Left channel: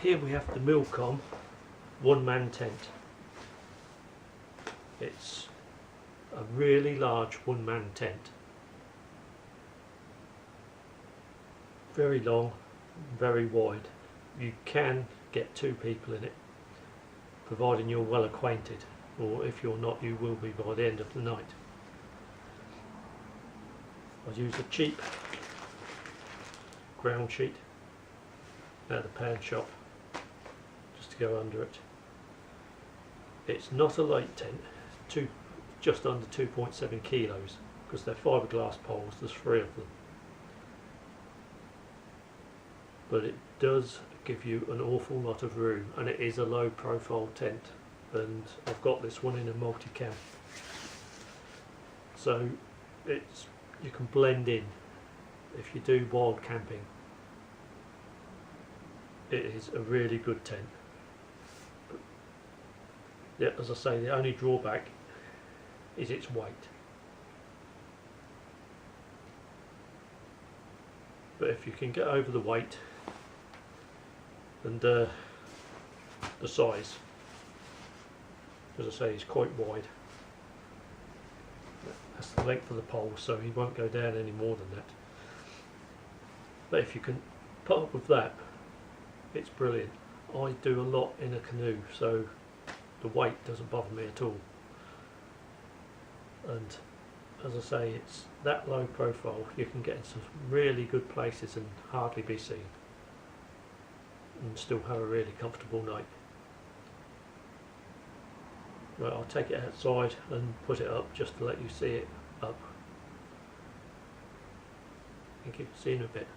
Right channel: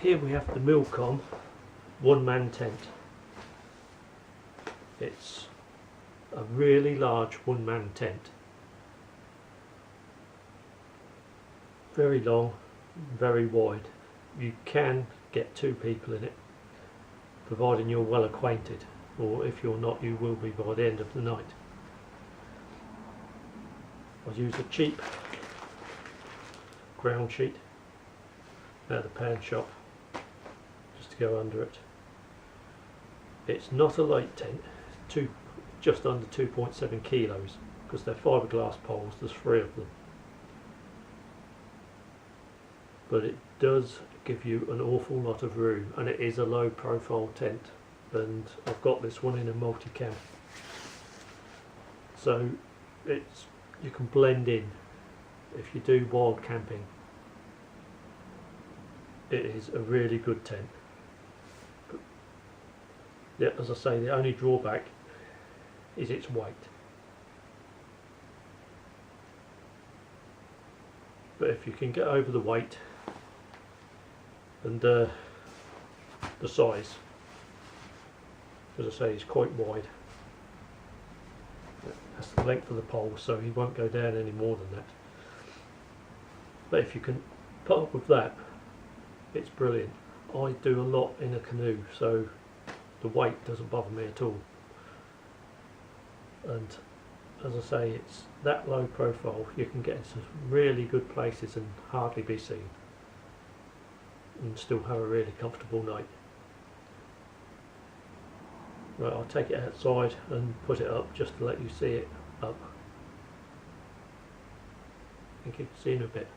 here we have the Mil-Tec one-man tent. It's a really large one-man tent. Very long, very wide. You can get 2 people in it, providing you're well acquainted, or if you're not, you will be by the end of the night. I use a cheap ground sheet out of the pan shop just to go under it. It's not a light tent, just under 2.7 kilos, because they're fiberglass poles. There's 3 of them, but it does give you an awful lot of room, and it is a low profile tent, and I've got this one in a multi-cam, so you can blend in if you do wild camping. It is a really good tent. But yeah, as I say, the only drawback is its weight. But if you can get over the weight and the size, as I say, it's quite wide. That's the length of the pole, so he won't go down any more than that. But if you can put up with that, it's brilliant. I do a lot in a canoe, so the weight doesn't bother me at all. And as I say, it's that low profile, you can get into some really good places and hardly be seen, and still have a really comfortable night. Right, I'll take it outside and put it up just to let you see it up. Thank you, see you in a bit.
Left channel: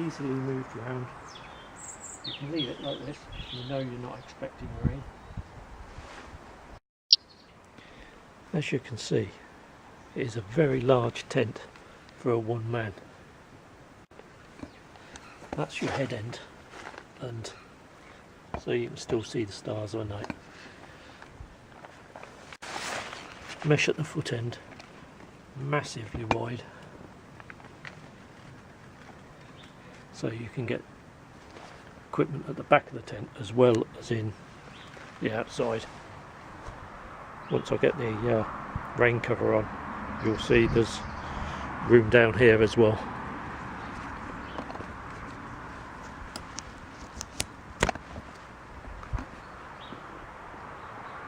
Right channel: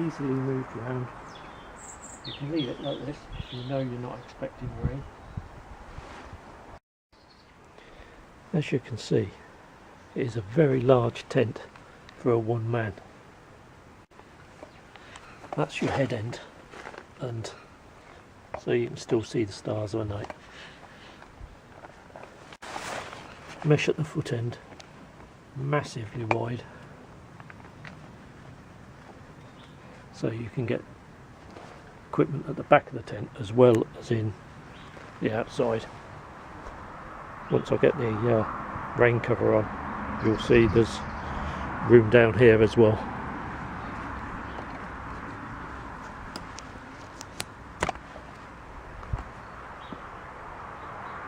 easily moved around. You can leave it like this if you know you're not expecting rain. As you can see, it is a very large tent for a one man. That's your head end, and so you can still see the stars at night. Mesh at the foot end, massively wide, so you can get equipment at the back of the tent as well as in the outside. Once I get the rain cover on, you'll see there's room down here as well.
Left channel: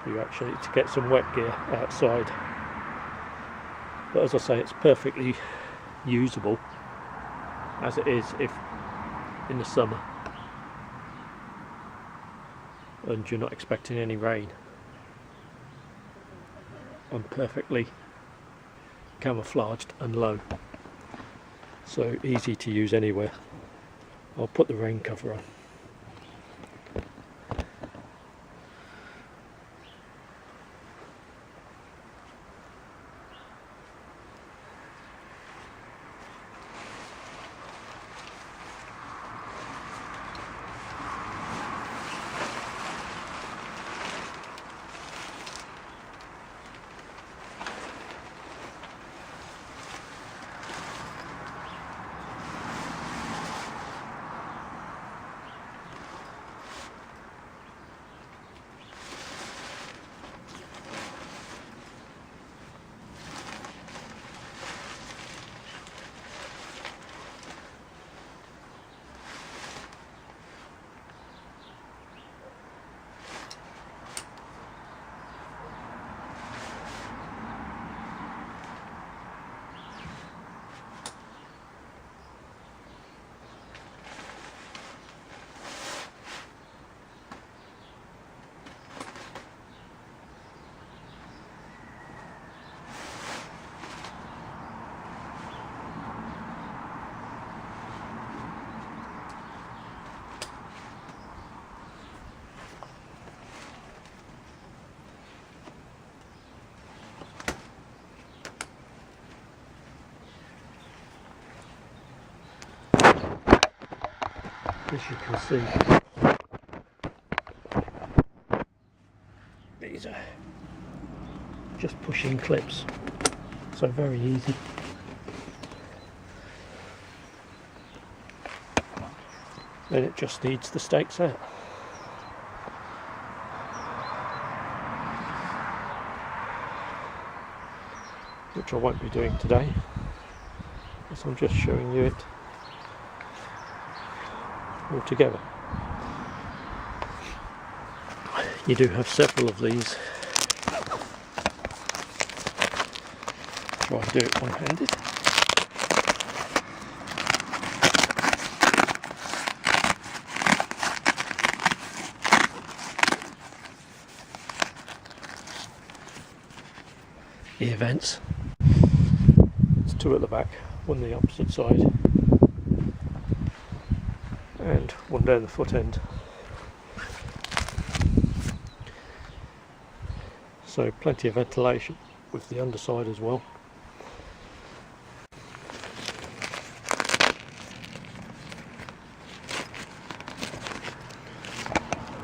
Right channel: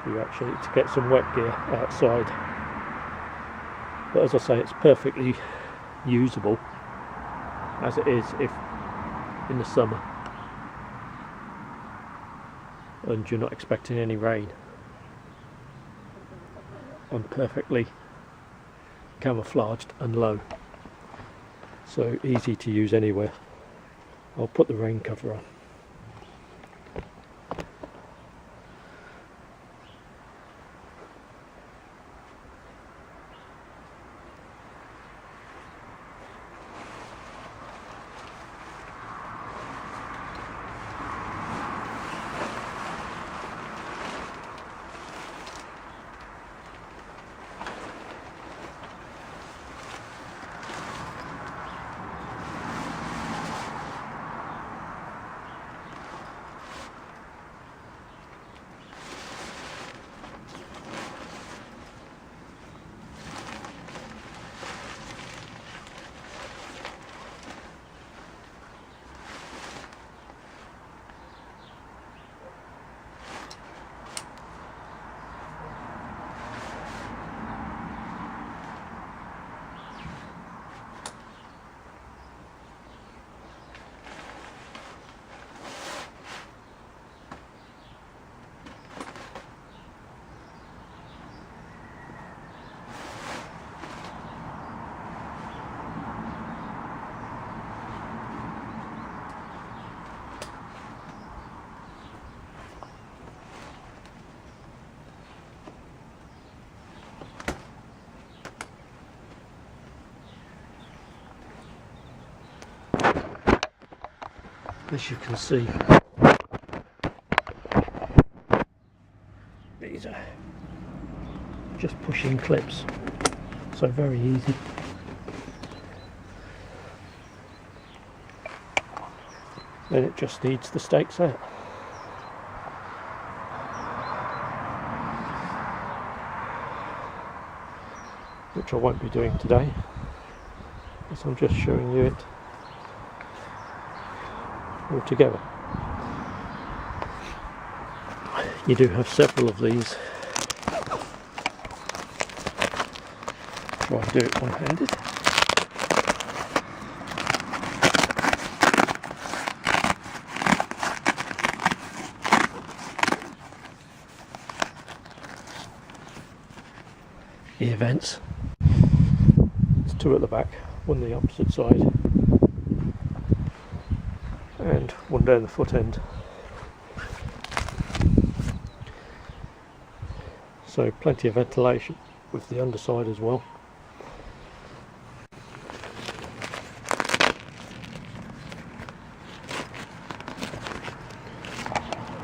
You actually to get some wet gear outside, but as I say, it's perfectly usable as it is if in the summer and you're not expecting any rain. I'm perfectly camouflaged and low, so easy to use anywhere. I'll put the rain cover on. As you can see, these are just pushing clips, so very easy. Then it just needs the stakes out. Which I won't be doing today, as I'm just showing you it all together. You do have several of these. Try and do it one-handed. Ear vents. There's two at the back, one the opposite side and one down the foot end. So plenty of ventilation with the underside as well.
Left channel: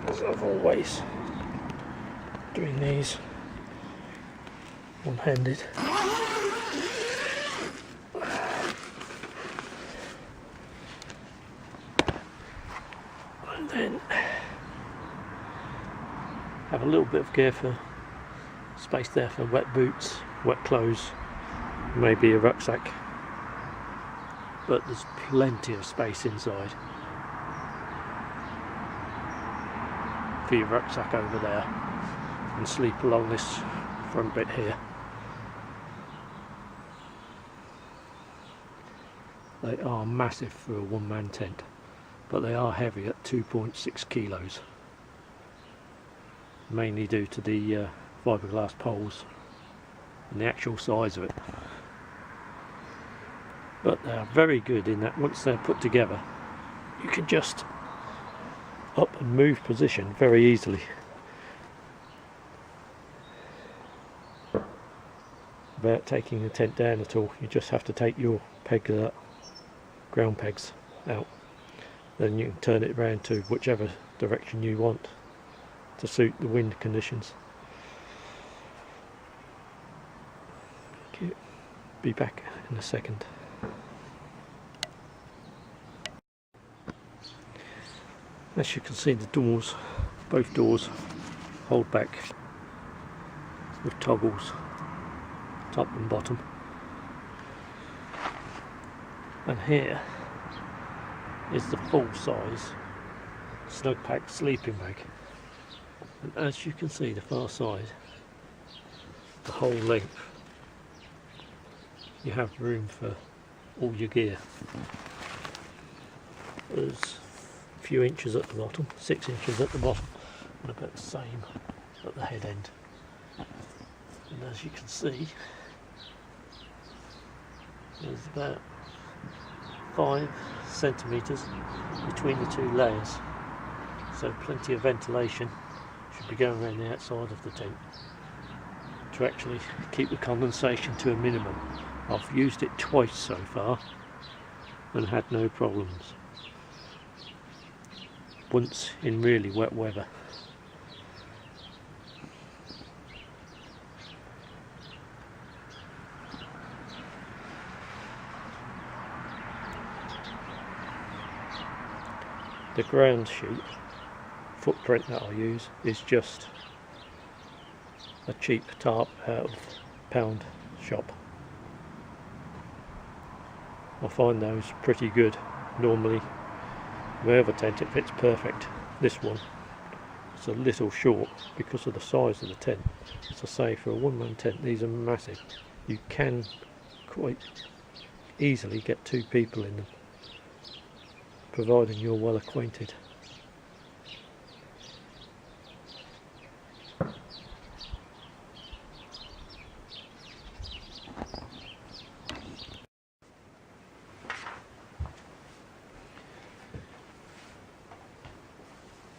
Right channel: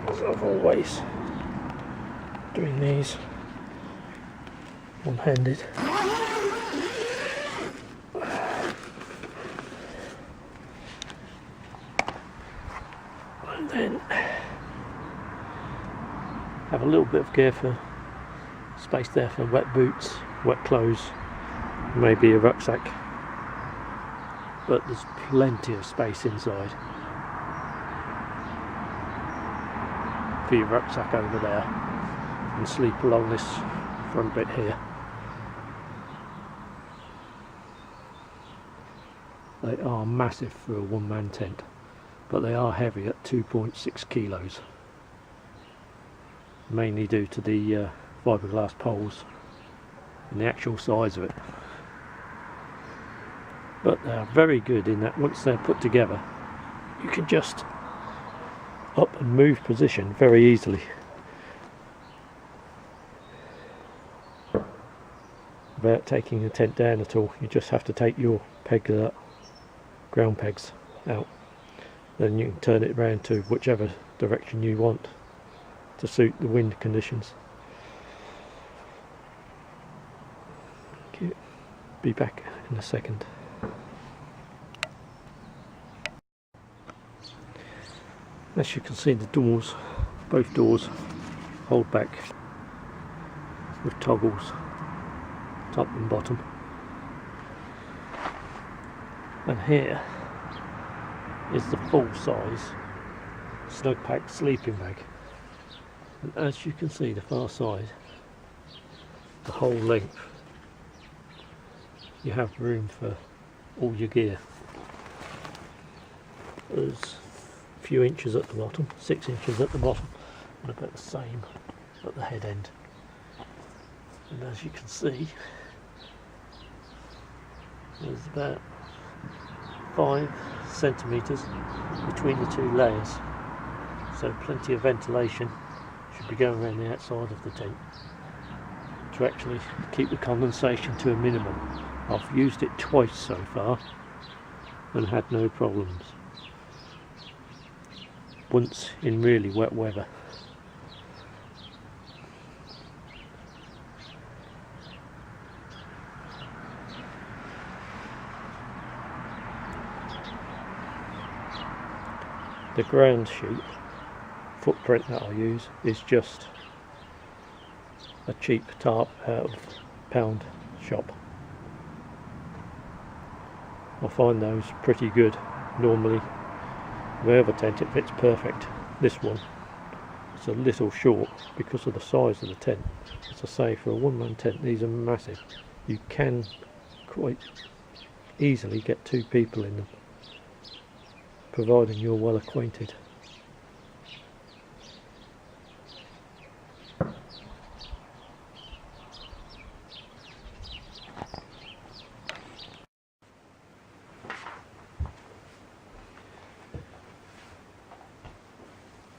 As I've always doing these one-handed. And then have a little bit of gear for space there for wet boots, wet clothes, maybe a rucksack, but there's plenty of space inside for your rucksack over there, and sleep along this front bit here. They are massive for a one-man tent, but they are heavy at 2.6 kilos, mainly due to the fiberglass poles and the actual size of it. But they are very good in that once they're put together, you can just up and move position very easily. Without taking the tent down at all. You just have to take your pegs out, ground pegs out. Then you can turn it around to whichever direction you want to suit the wind conditions. Okay, be back in a second. As you can see, the doors, both doors, hold back with toggles, top and bottom. And here is the full size snug pack sleeping bag. And as you can see, the far side, the whole length, you have room for all your gear. There's a few inches at the bottom, 6 inches at the bottom, and about the same at the head end. And as you can see, there's about 5 centimetres between the two layers, so plenty of ventilation should be going around the outside of the tent to actually keep the condensation to a minimum. I've used it twice so far and had no problems. Once in really wet weather. The ground sheet footprint that I use is just a cheap tarp out of pound shop. I find those pretty good. Normally my other tent it fits perfect. This one it's a little short because of the size of the tent. As I say, for a one-man tent these are massive. You can quite easily get 2 people in them, providing you're well acquainted.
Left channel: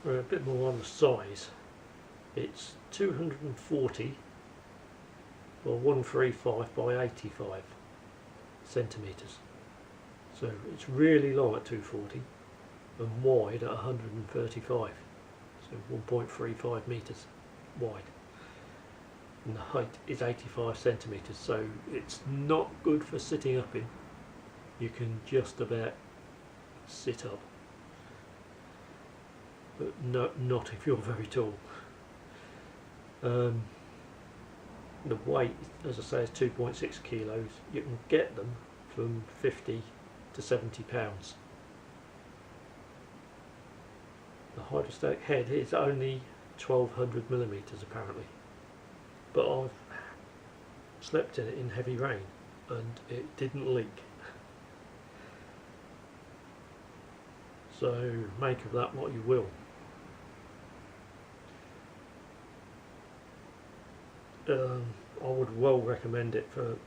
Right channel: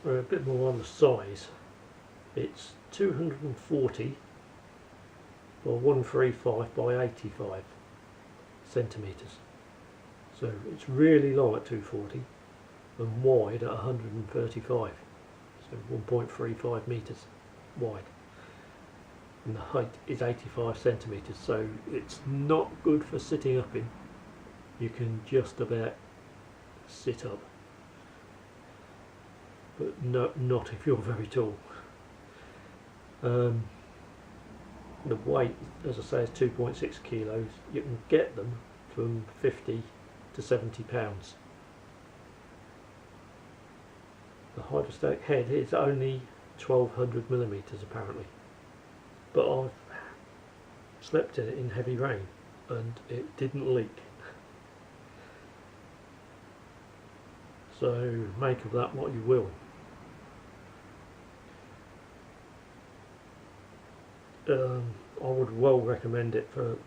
A bit more on the size. It's 240 by 135 by 85 centimetres. So it's really long at 240 and wide at 135. So 1.35 metres wide. And the height is 85 centimetres. So it's not good for sitting up in. You can just about sit up. But not if you're very tall. The weight, as I say, is 2.6 kilos. You can get them from 50 to 70 pounds. The hydrostatic head is only 1200 millimeters apparently, but I've slept in it in heavy rain and it didn't leak. So make of that what you will. I would well recommend it for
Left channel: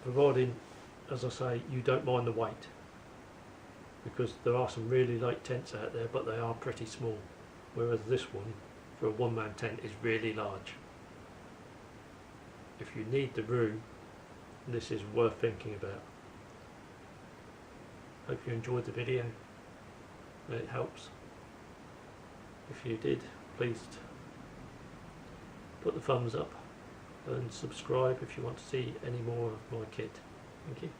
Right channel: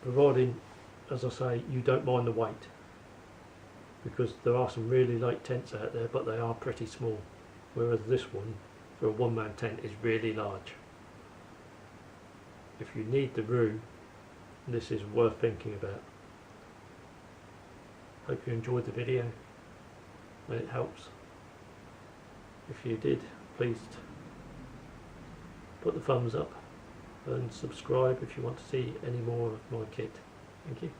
providing, as I say, you don't mind the weight, because there are some really light tents out there but they are pretty small, whereas this one for a one-man tent is really large. If you need the room, this is worth thinking about. Hope you enjoyed the video and it helps. If you did, please put the thumbs up and subscribe if you want to see any more of my kit. Thank you.